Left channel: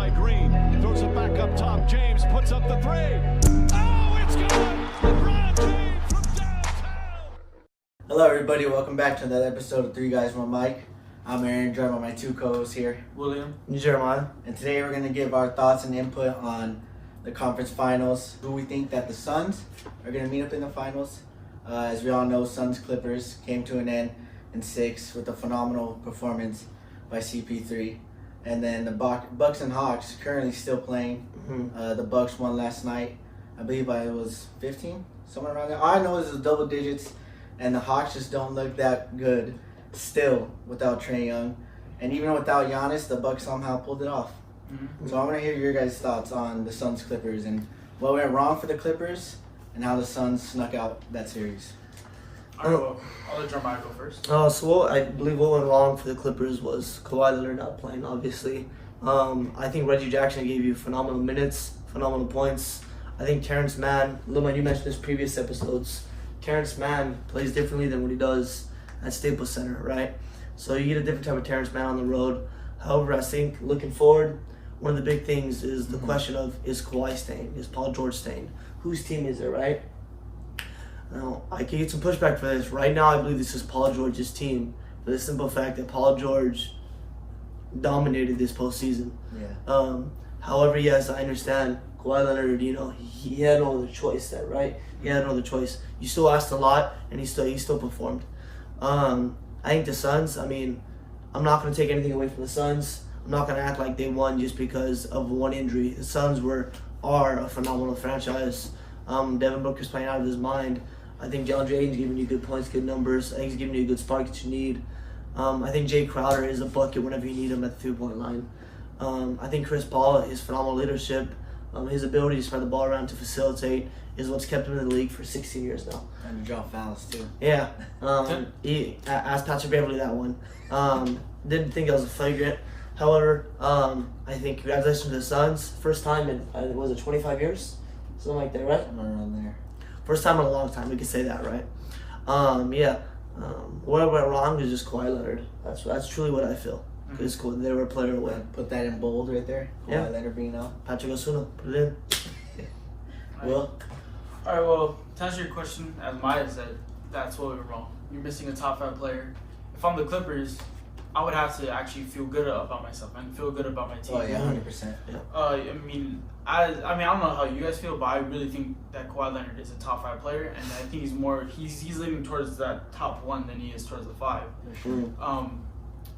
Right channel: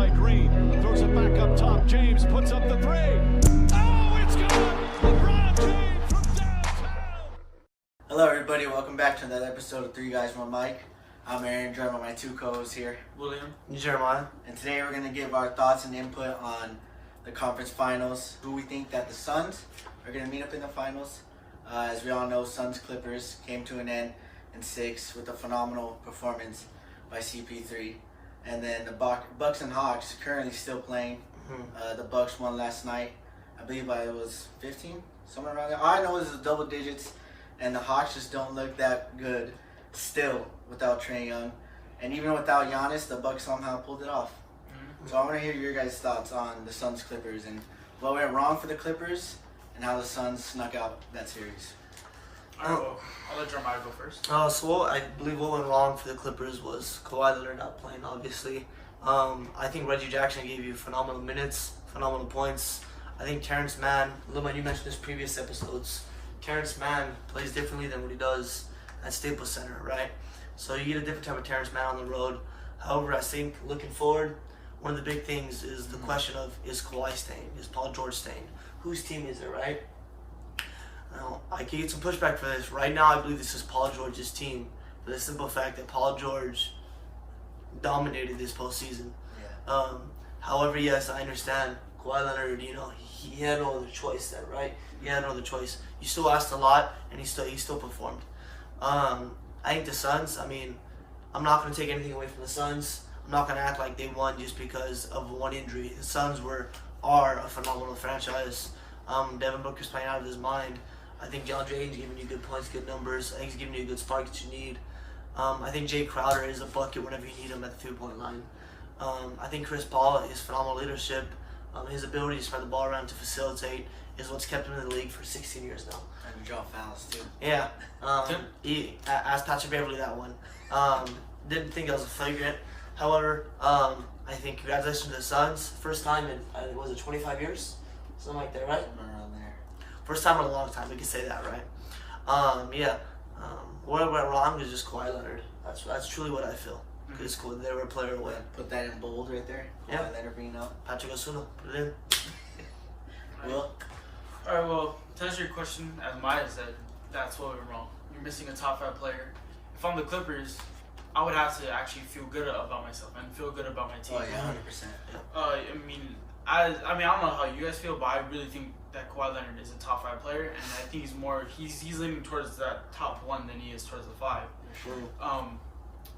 by Green. Throws it back up top. James puts up the three. Oh, it's good! LeBron James from downtown. Hello, everybody. Welcome back to another episode of Three Guys, One Mic. I'm Aaron, joined by my two co-hosts here, William and Jeremiah. And today we're going to give our thoughts and input on the conference finals, who we think that the Suns are going to meet up in the finals. As we all know, Suns-Clippers came to an end in 6 with a phenomenal performance by CP3. And then the Bucks and Hawks currently still playing. The Bucks won last night. I believe it was 15, somewhere around there. All I know is it's double digits, and the Hawks just don't look that good still without Trae Young. And even without Giannis, the Bucks somehow pulled it off. So I want to hear your guys' thoughts on the Suns-Clippers and what went wrong for the Clippers and how the Suns snuck out that series. I'll let Jeremiah go first. So I believe what went wrong for the Clippers was Kawhi Leonard not playing, obviously. I think Reggie Jackson gave you phenomenal minutes, phenomenal points. I think Terrence Mann, Luma, you mentioned this previous episodes, Terrence Mann plays differently than what he does at Staples Center, right? So you get a different type of Terrence Mann on the road. However, I think looking forward, one of the big things is the question of, is Kawhi staying? Is Paul George staying? Whose team is it, right? Now, I can get some pushback for this. Right now, I believe this is Paul George's team for the simple fact that Paul George dominated this postseason. Yeah. However, yes, I understand Kawhi Leonard, he had no other choice there, right? He had no other choice. You still asked a lot, and he still performed. I think the Suns, I'm not going to take anything away from the Suns. I'm not going to act like they won just because of one injury. The Suns are a phenomenal franchise. Devin Booker's playing out of his mind. I think DeAndre Ayton's giving you good points, good numbers. I think he's giving you a good spark that you need. I think Jay Crowder is a bucket whenever you need him at the 3-point line. I think Chris Paul, his phenomenal leadership, his ability to spread the ball around to facilitate is what's kept him in the league for 16 years now. And to draw fouls, too. Yeah. He asked Patrick Beverly that one. Didn't think that was a flagrant. However, I think congratulations to the Suns. First time in, was it 25 years? Something like that, right? Somewhere around there. First time in a long time, we can say that, right? What went wrong is just Kawhi Leonard. That's truly what I feel. It's cool. They were a player away. Put that in bold right there. Kawhi Leonard being out. Patrick Osuna, put it in. Will? All right, well, to answer your question, as Maya said, that's what went wrong. You're missing a top 5 player. If I'm the Clippers, I would have to actually feel good about myself and feel good about my team. Oh, yeah, 100%. I don't know how you guys feel, but I really think that Kawhi Leonard is a top 5 player, and I think he's leaning towards that top 1 than he is towards the 5. For sure.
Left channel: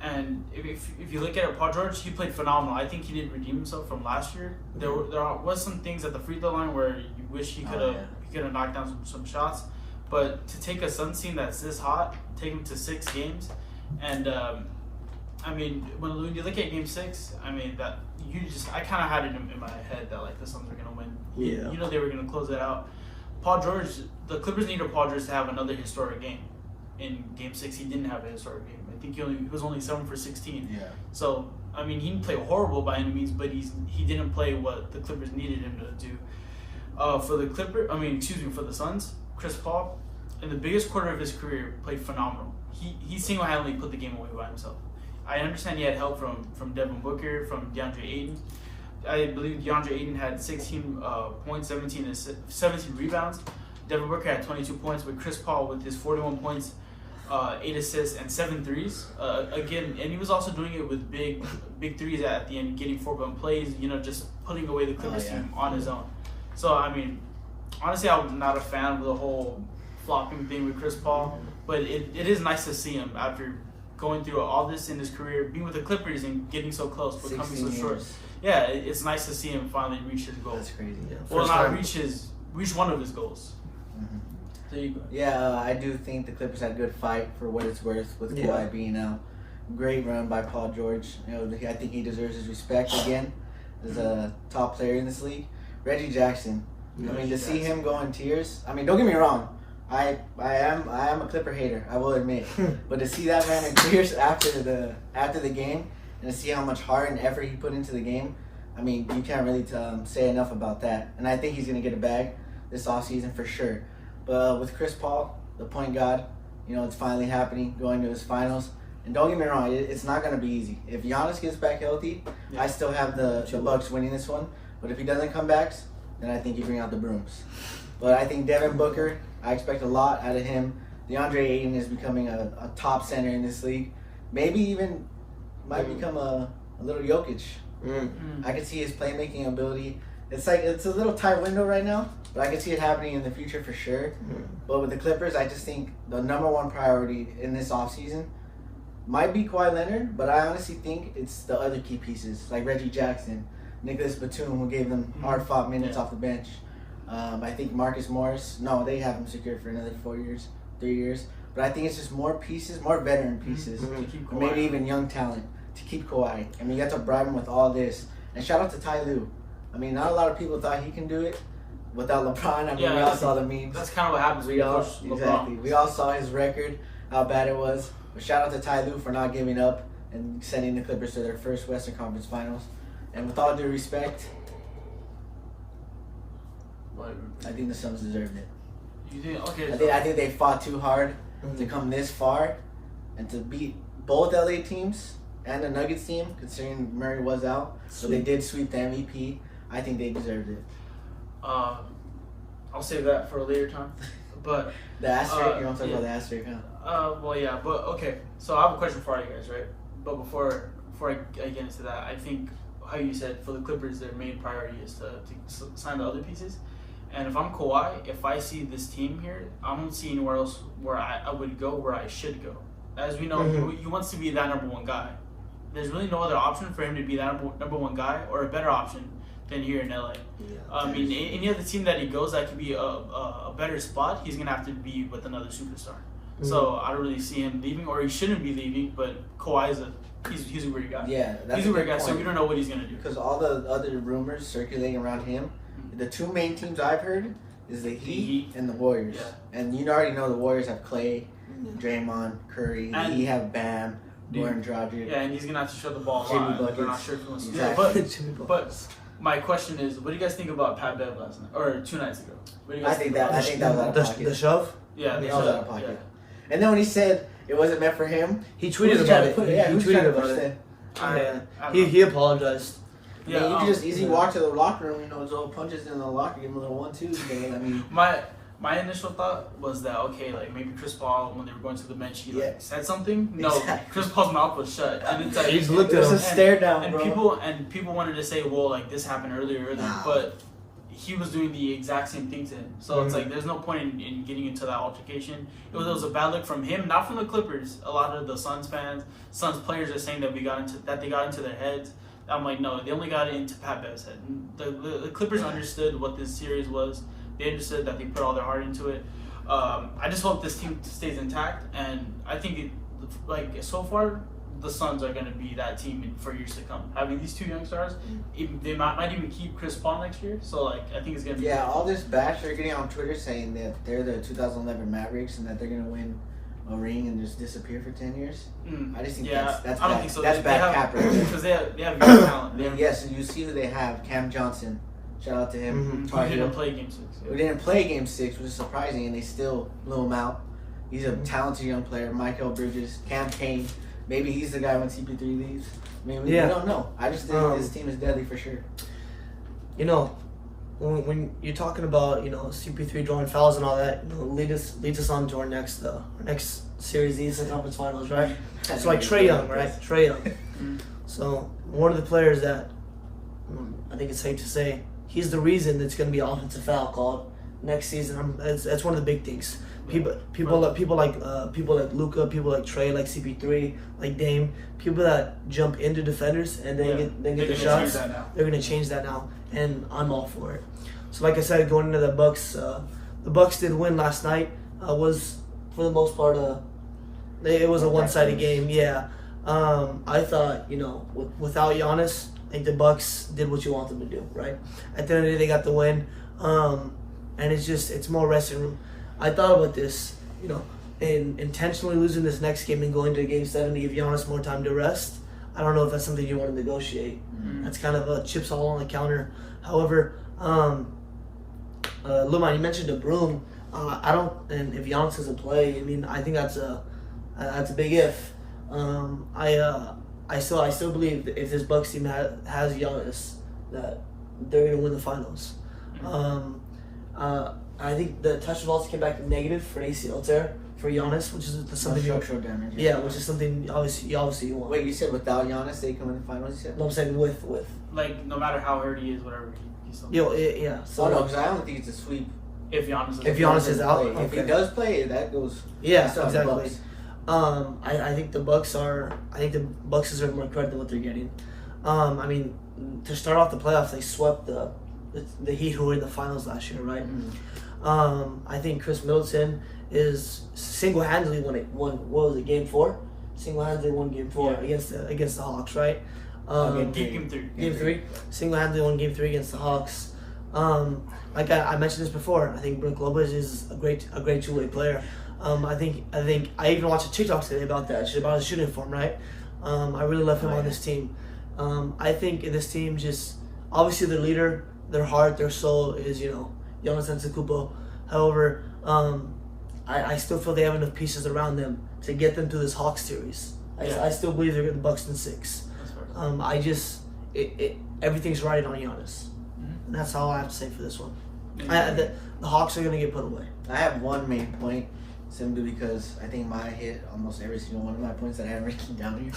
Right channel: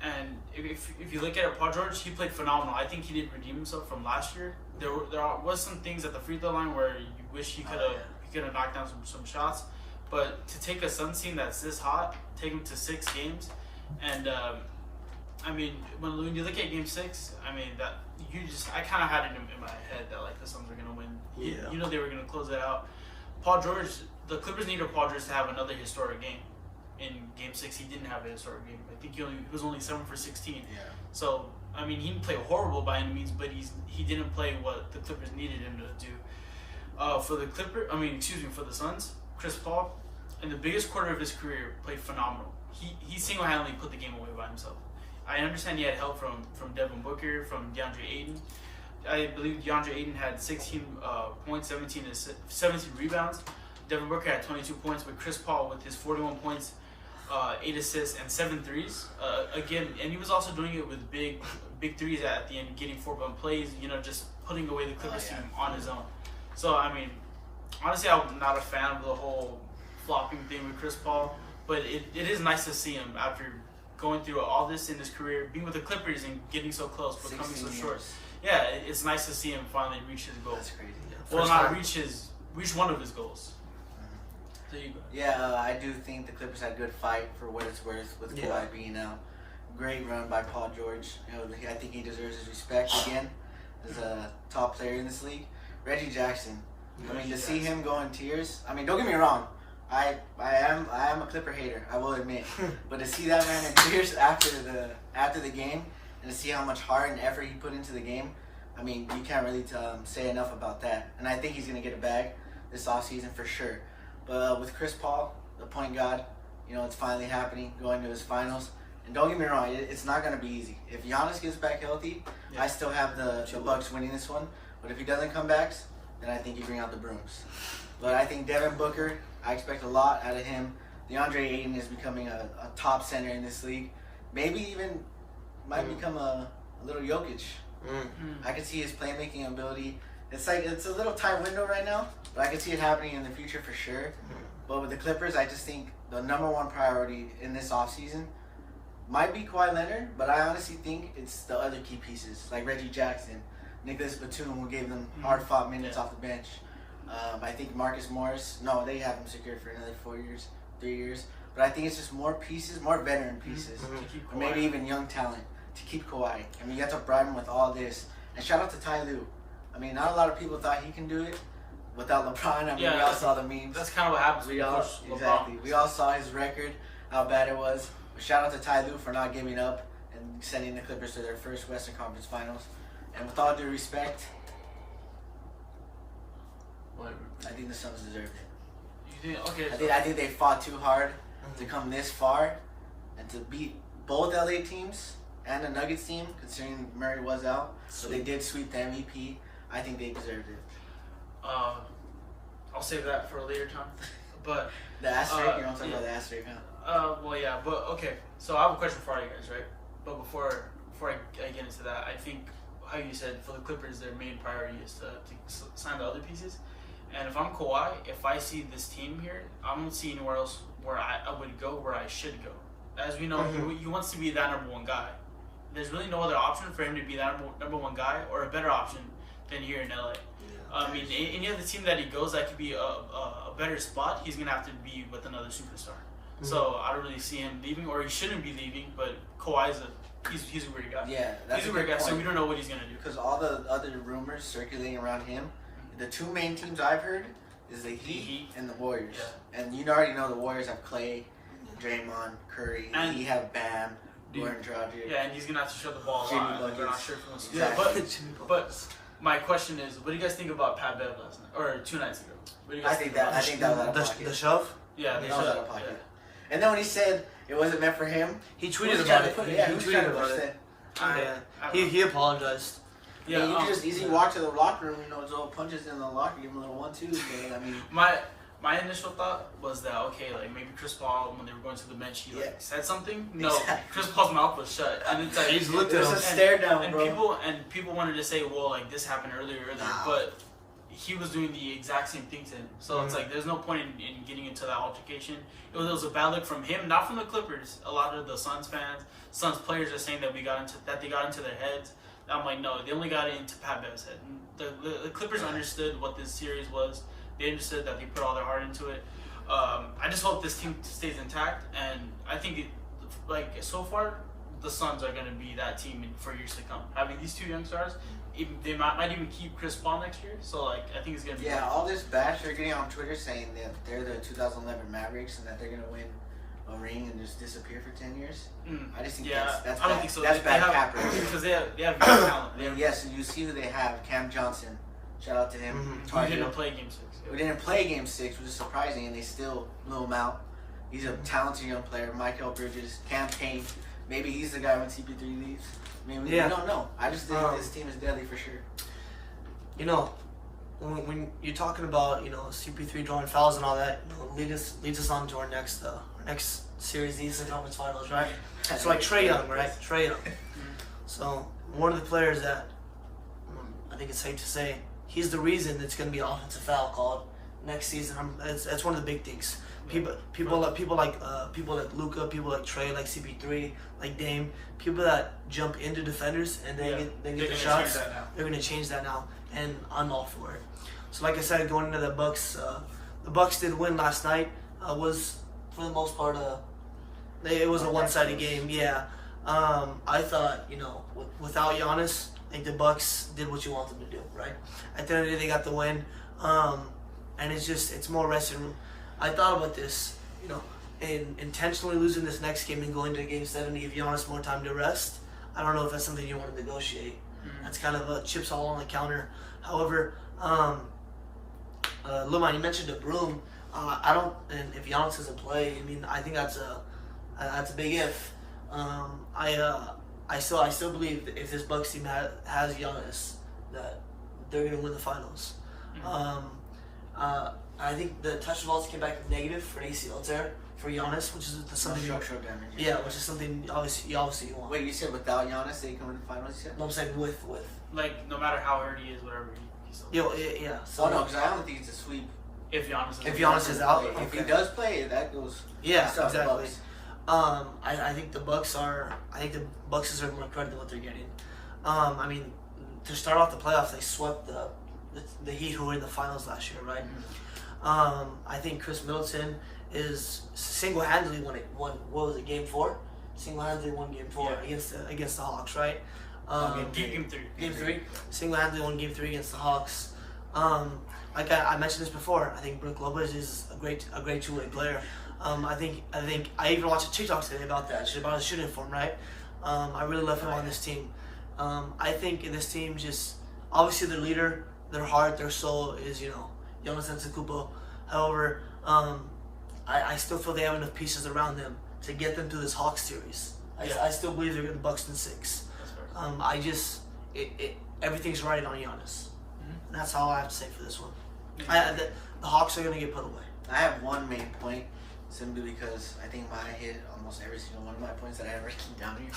And if you look at it, Paul George, he played phenomenal. I think he did redeem himself from last year. There was some things at the free throw line where you wish he could have knocked down some shots, but to take a Suns team that's this hot, take them to 6 games, and when you look at Game 6, I kind of had it in my head that the Suns were gonna win. Yeah. They were gonna close it out. Paul George, the Clippers needed Paul George to have another historic game. In Game 6, he didn't have a historic game. I think he was only 7 for 16. Yeah. So he didn't play horrible by any means, but he didn't play what the Clippers needed him to do. For the Suns, Chris Paul, in the biggest quarter of his career, played phenomenal. He single-handedly put the game away by himself. I understand he had help from Devin Booker, from DeAndre Ayton. I believe DeAndre Ayton had 16 points, 17 rebounds. Devin Booker had 22 points, but Chris Paul with his 41 points, 8 assists, and 7 threes. Again, and he was also doing it with big threes at the end, getting 4-point plays, just putting away the Clippers team on his own. So, honestly, I'm not a fan of the whole flopping thing with Chris Paul, but it is nice to see him after going through all this in his career, being with the Clippers and getting so close, but coming so short. Yeah, it's nice to see him finally reach his goal. That's crazy. Yeah. Well, not reach one of his goals. There you go. Yeah, I do think the Clippers had a good fight for what it's worth with Kawhi being out. Great run by Paul George. I think he deserves his respect again as a top player in this league. Reggie Jackson. To see him go in tears. Don't get me wrong. I am a Clipper hater, I will admit. But to see that man in tears after the game, and to see how much heart and effort he put into the game, you can't really say enough about that. And I think he's gonna get a bag this offseason for sure. But with Chris Paul, the point guard, it's finally happening, going to his finals. And don't get me wrong, it's not going to be easy. If Giannis gets back healthy, I still have the Bucks winning this one. But if he doesn't come back, then I think you bring out the brooms. But I think Devin Booker, I expect a lot out of him. DeAndre Ayton is becoming a top center in this league. Maybe even might become a little Jokic. I can see his playmaking ability. It's a little tight window right now, but I can see it happening in the future for sure. But with the Clippers, I just think the number one priority in this offseason might be Kawhi Leonard, but I honestly think it's the other key pieces, like Reggie Jackson, Nicholas Batum, who gave them hard-fought minutes off the bench. I think Marcus Morris, no, they have him secured for another 3 years. But I think it's just more pieces, more veteran pieces, or maybe even young talent to keep Kawhi. I mean, you have to bribe him with all this. And shout out to Ty Lue. I mean, not a lot of people thought he can do it without LeBron. I mean, we all saw the memes. That's kind of what happens when you push LeBron. We all saw his record, how bad it was. But shout out to Ty Lue for not giving up and sending the Clippers to their first Western Conference Finals. And with all due respect, I think the Suns deserved it. You think? Okay. I think they fought too hard to come this far and to beat both LA teams and the Nuggets team, considering Murray was out. So they did sweep the MVP. I think they deserved it. I'll save that for a later time. But the asterisk, you want to talk about the asterisk, huh? Well, yeah, but okay. So I have a question for you guys, right? But before I get into that, I think how you said for the Clippers, their main priority is to sign the other pieces. And if I'm Kawhi, if I see this team here, I don't see anywhere else where I would go where I should go. As we know, he wants to be that number one guy. There's really no other option for him to be that number one guy, or a better option than here in LA. I mean, any other team that he goes that could be a better spot, he's gonna have to be with another superstar. So I don't really see him leaving, or he shouldn't be leaving. But Kawhi's he's a weird guy. Yeah, that's he's a weird guy. So we don't know what he's gonna do. Because all the other rumors circulating around him, the two main teams I've heard is the Heat and the Warriors. Yeah. And you already know the Warriors have Clay, Draymond, Curry, and he have Bam, Goran Dragic. Yeah, and he's gonna have to show the ball. Jimmy Buckets. They're not sure if he wants to do Exactly. that. But my question is, what do you guys think about Pat Bev last night or 2 nights ago? What do you guys think that was out of pocket. The shove? Yeah, that was out of pocket. Yeah. And then when he said it wasn't meant for him, he tweeted about it. He tweeted about it. He apologized. Yeah, I mean, you can just easily walk to the locker room, throw punches in the locker, give him a little 1-2. But I mean, my initial thought was that like maybe Chris Paul, when they were going to the bench, he said something. No, exactly. Chris Paul's mouth was shut, and it's like he's looked at him. There's a stare down, and bro. people wanted to say, well, like this happened earlier, but he was doing the exact same thing to him. So it's like there's no point in getting into that altercation. It was a bad look from him, not from the Clippers. A lot of the Suns fans, Suns players are saying that they got into their heads. I'm like, no, they only got it into Pat Bev's head. The Clippers understood what this series was. They understood that they put all their heart into it. I just hope this team stays intact, and I think so far the Suns are going to be that team for years to come. Having these two young stars, they might even keep Chris Paul next year. So I think it's going to be all this bash they're getting on Twitter saying that they're the 2011 Mavericks and that they're going to win a ring and just disappear for 10 years. I just think that's I don't bad. think so. That's bad capitalism. Because they have young talent. Yes, and you see who they have. Cam Johnson. Shout out to him. We didn't play Game 6. We didn't play Game 6, which is surprising, and they still blew him out. He's a talented young player. Michael Bridges, Cam Payne. Maybe he's the guy when CP3 leaves. I mean, we don't know. I just think this team is deadly for sure. When you're talking about CP3 drawing fouls and all that, leads us on to our next series, the Eastern Conference Finals, right? So like Trae Young, right? Trae Young. So one of the players that I think it's safe to say he's the reason it's going to be an offensive foul called next season. That's one of the big things. People like Luka, people like Trae, like CP3, like Dame, people that jump into defenders and then get the shots. They're going to change that now, and I'm all for it. So like I said, going into the Bucks did win last night. Was for the most part it was a one-sided game. Yeah, I thought without Giannis, I think the Bucks did what you want them to do. Right at the end of the day, they got the win, and it's more resting room. I thought about this, in intentionally losing this next game and going to Game 7 to give Giannis more time to rest. I don't know if that's something you want to negotiate. That's kind of chips all on the counter. However, Luman, you mentioned a broom. And if Giannis doesn't play, I mean, I think that's a big if. I still believe that if this Bucks team has Giannis, that they're gonna win the finals. I think the touch results came back negative for an ACL tear for Giannis, which is something structural damage. Yeah, which is something obviously you want. Wait, you said without Giannis they come in the finals? You said? No, I'm saying with. Like no matter how hurt he is, whatever. He's Yeah. So Oh no, because I don't think it's a sweep. if Giannis is If Giannis is out, If he okay. does play, that goes. Yeah, that's not the exactly. Bucks. I think the Bucks deserve more credit than what they're getting. I mean, to start off the playoffs, they swept the Heat, who were in the finals last year, right? I think Chris Middleton is single-handedly won. What was it? Game 4. Single-handedly won Game 4 against the Hawks, right? Game 3. Game 3. Single-handedly won Game 3 against the Hawks. Like I mentioned this before, I think Brook Lopez is a great two-way player. I think I even watched a TikTok today about that, about his shooting form, right? I really love him on this team. I think in this team, just obviously their leader, their heart, their soul is Giannis Antetokounmpo. However, I still feel they have enough pieces around them to get them through this Hawks series. I still believe they're going to Bucks in 6. Everything's riding on Giannis, and that's all I have to say for this one. The Hawks are going to get put away. I have one main point, simply because I think Maya hit almost every single one of my points that I had written down here.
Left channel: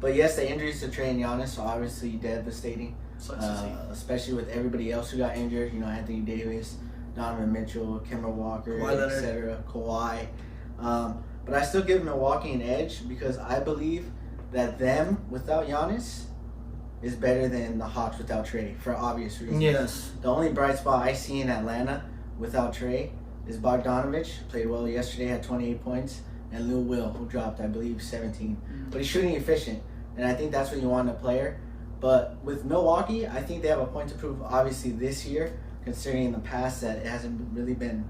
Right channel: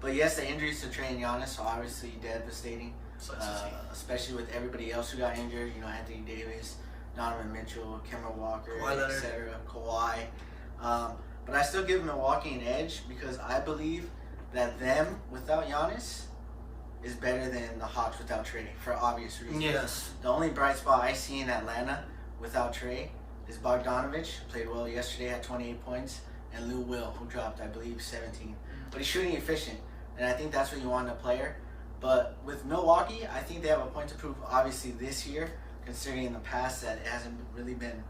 But yes, the injuries to Trey and Giannis are obviously devastating, especially with everybody else who got injured. Anthony Davis, Donovan Mitchell, Kemba Walker, etc. Kawhi. But I still give Milwaukee an edge because I believe that them without Giannis is better than the Hawks without Trey for obvious reasons. Yes. The only bright spot I see in Atlanta without Trey is Bogdanovich. Played well yesterday, had 28 points, and Lou Will, who dropped, I believe, 17. But he's shooting efficient, and I think that's what you want in a player. But with Milwaukee, I think they have a point to prove, obviously, this year, considering in the past that it hasn't really been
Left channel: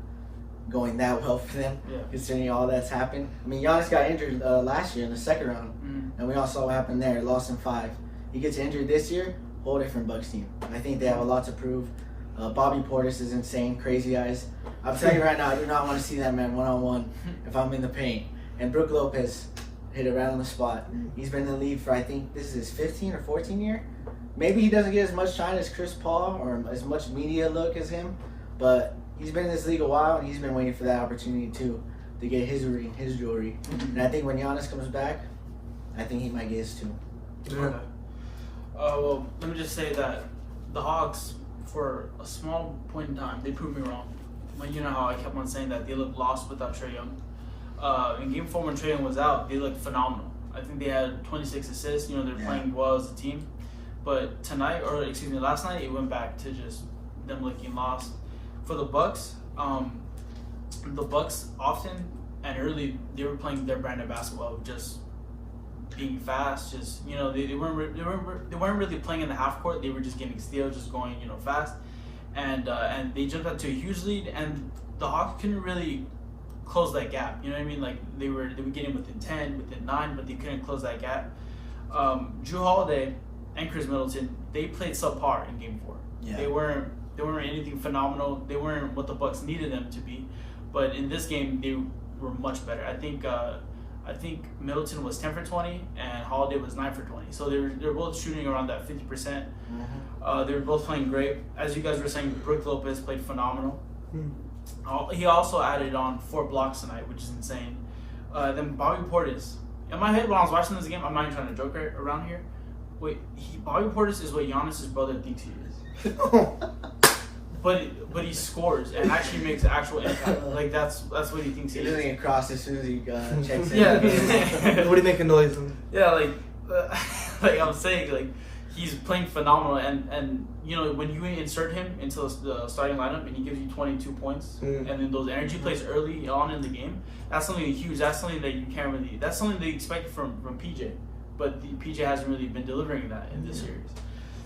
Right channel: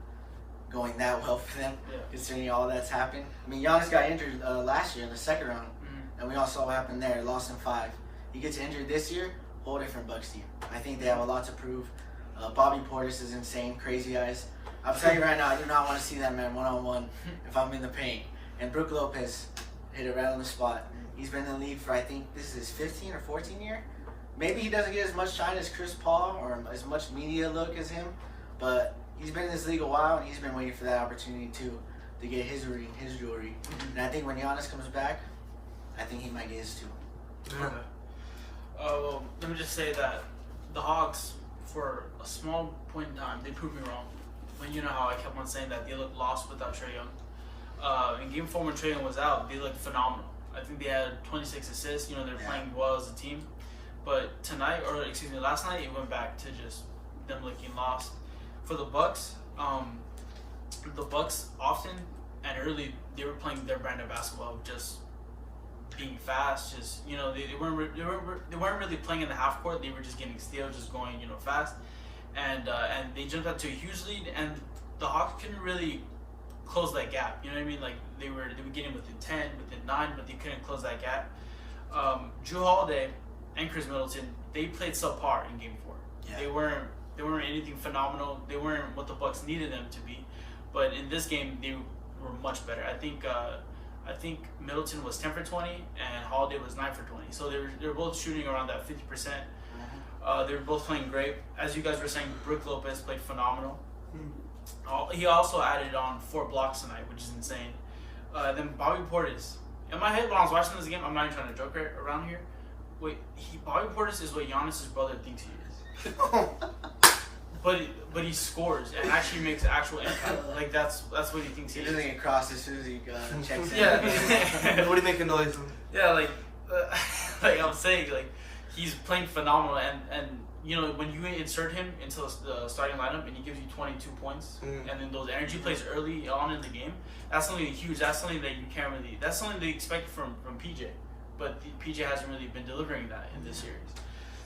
going that well for them, considering all that's happened. I mean, Giannis got injured last year in the second round, and we all saw what happened there. Lost in 5. He gets injured this year, whole different Bucks team. I think they have a lot to prove. Bobby Portis is insane, crazy eyes. I'm telling you right now, I do not want to see that man one-on-one if I'm in the paint. And Brook Lopez hit it right on the spot. He's been in the league for, I think, this is his 15 or 14 year. Maybe he doesn't get as much shine as Chris Paul or as much media look as him, but he's been in this league a while, and he's been waiting for that opportunity, too, to get his ring, his jewelry. And I think when Giannis comes back, I think he might get his, too. Okay. Well, let me just say that the Hawks, for a small point in time, they proved me wrong. You know how I kept on saying that they looked lost without Trae Young. In Game 4 when Trae Young was out, they looked phenomenal. I think they had 26 assists. They're playing well as a team. But last night, it went back to just them looking lost. For the Bucks often and early, they were playing their brand of basketball, just being fast. Just they weren't really playing in the half court. They were just getting steals, just going fast. And they jumped out to a huge lead, and the Hawks couldn't really close that gap. You know what I mean? Like they were getting within 10, within 9, but they couldn't close that gap. Drew Holiday and Chris Middleton, they played subpar in Game 4. Yeah. They weren't anything phenomenal. They weren't what the Bucks needed them to be. But in this game, they were much better. I think Middleton was 10 for 20 and Holiday was 9 for 20. So they're both shooting around that 50%. They were both playing great. As you guys were saying, Brook Lopez played phenomenal. He also added on 4 blocks tonight, which is insane. Then Bobby Portis. In my head, when I was watching this game, I'm not even trying to joke around here. Wait, Bobby Portis is what Giannis' brother thinks he is. But he scores and actually makes actual impact. Like that's what he thinks he is. He's doing it across as soon as he checks in. Yeah. What do you make a noise? Yeah, like I'm saying, like he's playing phenomenal, and when you insert him into the starting lineup and he gives you 22 points, and then those energy plays early on in the game, that's something huge. That's something that you can't really. That's something they expect from PJ, but PJ hasn't really been delivering that in this series.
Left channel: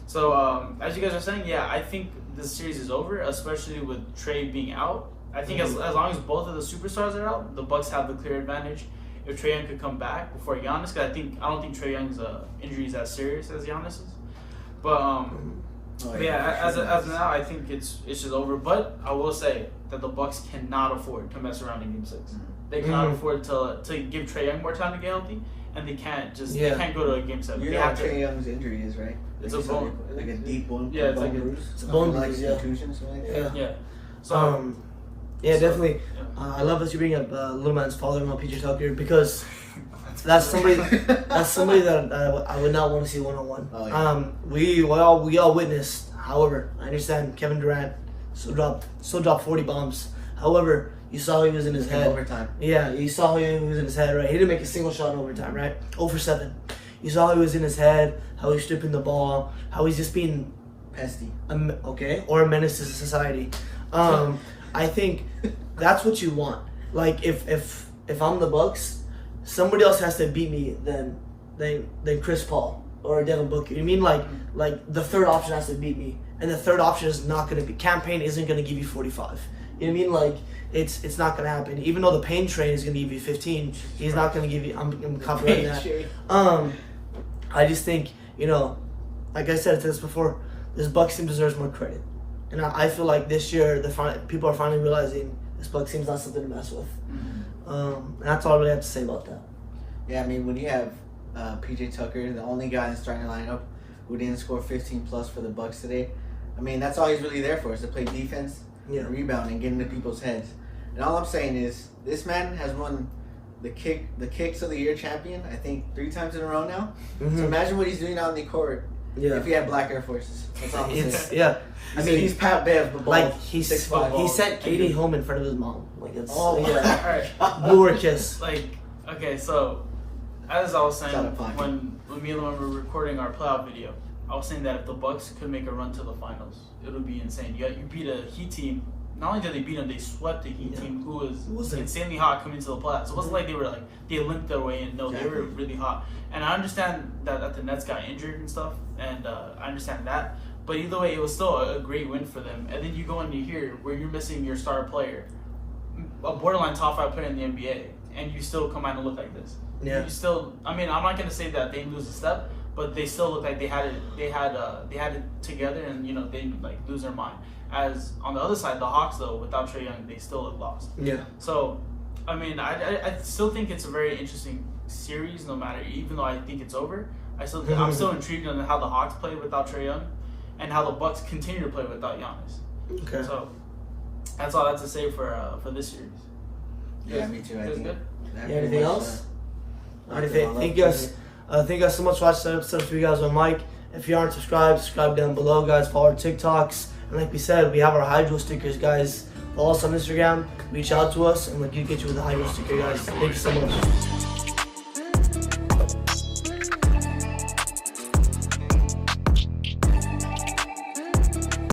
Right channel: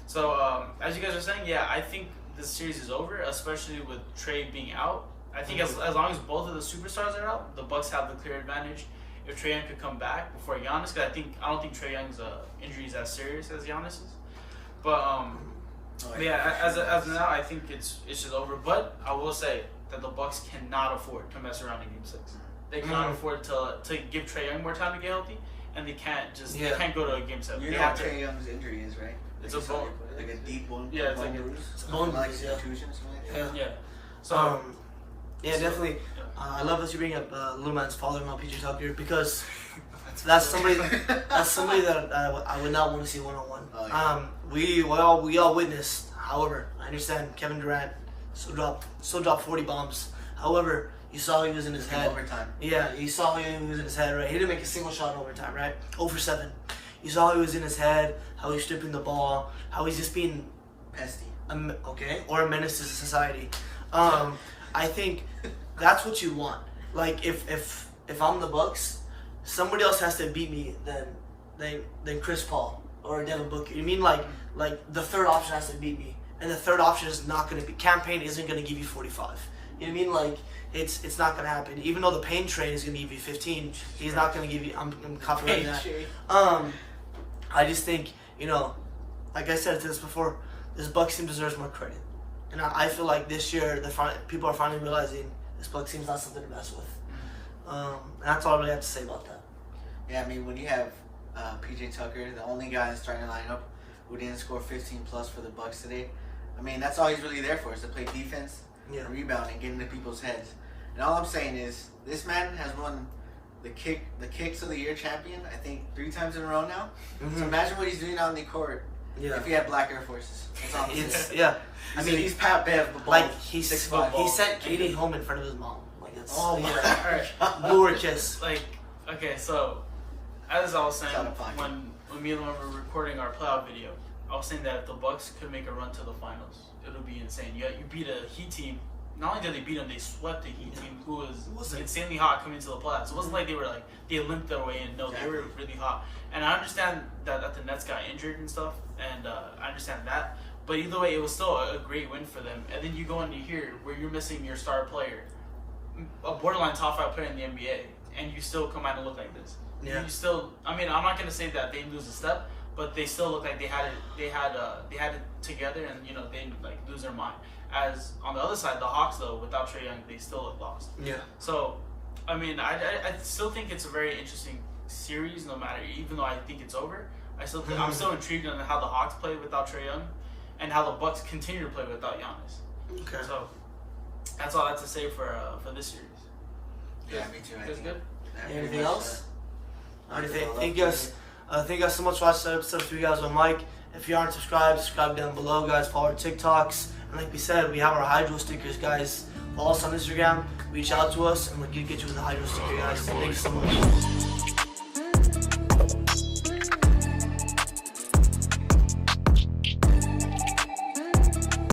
So as you guys are saying, yeah, I think this series is over, especially with Trey being out. I think as long as both of the superstars are out, the Bucks have the clear advantage. If Trae Young could come back before Giannis, because I don't think Trae Young's injury is as serious as Giannis's. But as of now, I think it's just over. But I will say that the Bucks cannot afford to mess around in Game 6. They cannot afford to give Trae Young more time to get healthy, and they can't Yeah. they can't go to a game 7. You They know what have to- Trae Young's injury is, right? It's Like a bone. like a deep bone. Yeah, it's like a- bruise. It's a bone like bruise, yeah. contusion or something like that. Yeah. Yeah. So Yeah, So, definitely. I love that you bring up little man's father-in-law, PJ Tucker, because that's somebody that I would not want to see one-on-one. Oh, yeah. We all witnessed. However, I understand Kevin Durant still dropped 40 bombs. However, you saw he was in his It's in head. overtime. Yeah, you saw he was in his head, right? He didn't make a single shot in overtime, right? 0 for 7. You saw he was in his head, how he's stripping the ball, how he's just being Pesty. or a menace to society. I think that's what you want. Like if I'm the Bucks, somebody else has to beat me than Chris Paul or Devin Booker. You mean like the third option has to beat me, and the third option is not going to be. Campaign isn't going to give you 45. You know what I mean? Like it's not going to happen. Even though the pain train is going to give you 15, he's not going to give you. I'm confident in that. I just think, like I said to this before, this Bucks team deserves more credit. And I feel like this year, people are finally realizing this Bucks team's not something to mess with. And that's all I really have to say about that. Yeah, I mean, when you have PJ Tucker, the only guy in the starting lineup who didn't score 15 plus for the Bucks today, I mean, that's all he's really there for, is to play defense, and rebound, and get into people's heads. And all I'm saying is, this man has won the Kicks of the Year champion, I think 3 times in a row now. So imagine what he's doing out on the court if he had black Air Forces. That's all I'm saying. Yeah. I mean, he's Pat Bev, the ball. Like he 6'5". sent Katie home in front of his mom. Like that's Oh my Alright. blew her a kiss. like, okay, so as I was saying Out of pocket. when me and Lemon were recording our playoff video, I was saying that if the Bucks could make a run to the finals, it would be insane. You beat a Heat team. Not only did they beat them, they swept the Heat team, who was insanely hot coming to the playoffs. It wasn't like they limped their way in. No, they were really hot. And I understand that the Nets got injured and stuff, and I understand that. But either way, it was still a great win for them. And then you go into here where you're missing your star player, a borderline top 5 player in the NBA, and you still come out and look like this. Yeah. You still, I mean, I'm not gonna say that they lose a step, but they still look like they had it together, and they didn't like lose their mind. As on the other side, the Hawks though, without Trae Young, they still look lost. Yeah. So, I mean, I still think it's a very interesting series, no matter, even though I think it's over. I'm still intrigued on how the Hawks play without Trae Young, and how the Bucks continue to play without Giannis. Okay. So that's all I have to say for this series. Yeah, me too. I Feels think good. that Anything pretty much, else? Thank Thank you guys so much for watching the episode. For you guys on Mike. If you aren't subscribed, subscribe down below, guys. Follow our TikToks. And like we said, we have our hydro stickers, guys. Follow us on Instagram. Reach out to us, and we'll get you with the hydro sticker, guys. Thank you so much.